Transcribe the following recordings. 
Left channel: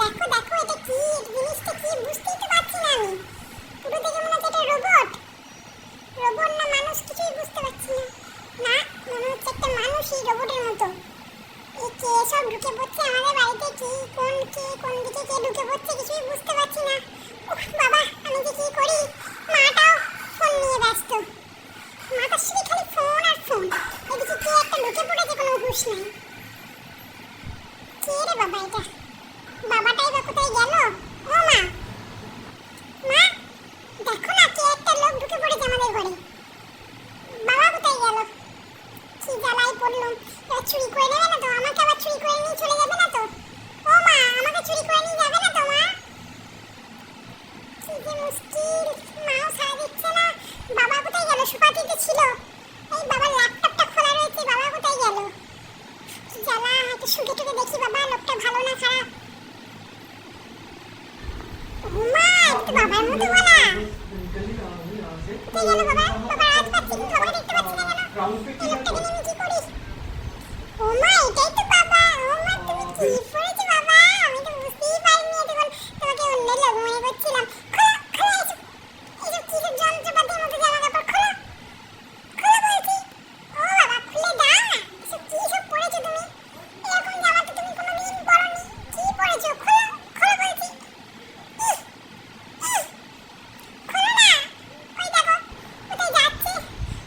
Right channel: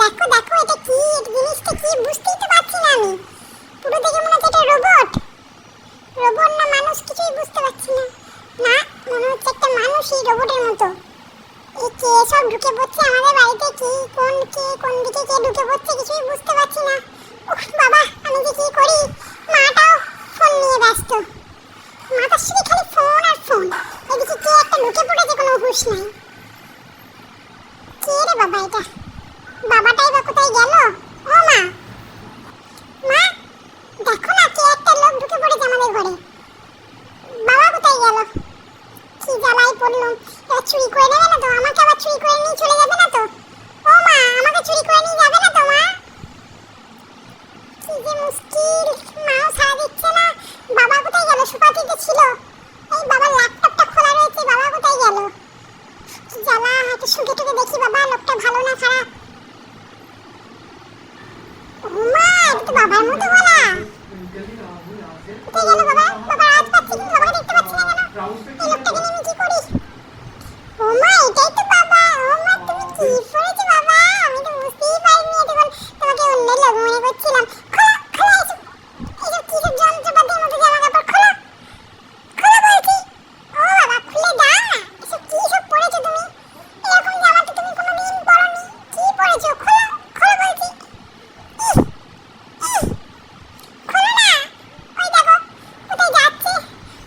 দেখো দেখো, এটা কি? জিনিসটা কি? বুঝতেই তো পারছি না আমি। পুরো দেখে মনে হচ্ছে এটা রোবট রোবট না মানুষ, কিছুই বুঝতে পারছি না। না, মনে হচ্ছে একটা মানুষই রোবটের মতো। এই কে সব ঢুকে পড়ছে আমাদের বাড়িতে? কি, কোন কে, কোন দিকে কে ঢুকে পড়ছে কিছুই বুঝতে পারছি না। উফ, বাবা, আমি যে কি করি? মাটাও ফোন নিয়ে ব্যস্ত। মাতার সাথে খালি ফোন আর ফোন এদিকে কে একটা লোকে পড়েছে কোনো হুঁশ নাই। কে রে বাবা এটা? বাবাটাই বা কোথায় গেল? ও মা। মা, দেখো না কে একটা লোক ঢুকে পড়েছে আমাদের ঘরে। বাবা কোথায় গেল? কি জ্বালায় পড়ল? এবার চুরি করে নেবে না তো? আমাকে আবার চুরি করে নিয়ে চলে যাবে না তো? ও মা, আমাকে চুরি করে নিয়ে যাবে না তো, মা? কি যে মুশকিল। মাও সারা দিচ্ছে না। বাবা কোথায় গেল? সুপাতিতে ছিল। এই বাবার ল্যাপটপটা খোলা রয়েছে, বাবা কোথায় টুকে দেখি বাবা, লোকটা ভালো না খারাপ? এটা তো বাবার মতো বলা। কোথায় গেল বাবা? বাবা আজ পাচ্ছি দেখতে পাচ্ছি না কেন? এই লোকটাকে নিয়ে কি করি ওমা এটাই তো বাবা ওমা তুমি কি পড়েছো বাবা আমি তো বুঝতেই পারিনি এতক্ষণ তোমাকে অন্য লোক মনে করছিলাম খোলো খোলো এসব এসব কি সব যন্ত্রপাতির মতো জামা কাপড় খোলো খোলো বলছি ও বাবা খুলে দাও না এসব কি সব পড়েছো তুমি এরকম জামা তো তুমি কোনোদিন পরনি কি পড়েছো খোলো খোলো বলছি ইহ, ইহ, খোলো না ওই দেখো কোথায় যাচ্ছে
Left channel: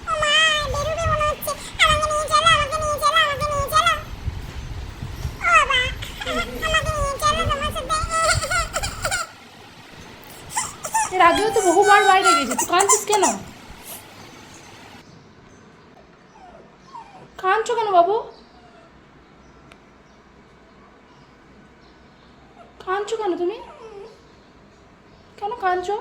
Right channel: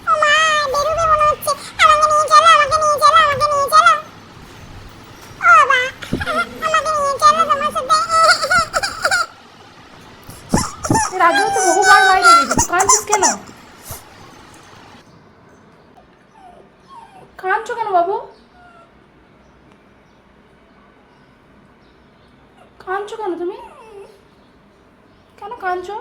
ও মা বেরোবে মনে হচ্ছে আমাকে নিয়ে চলো আমাকে নিয়ে চলো আমাকে নিয়ে চলো ও বাবা আমাকে নিয়ে চলো তোমার সাথে এর আগেও তো বহুবার বাইরে কাঁদছিস কেন? কাঁদছো কেন বাবু? কাঁদছো কেন তুমি? কেন কাঁদছো?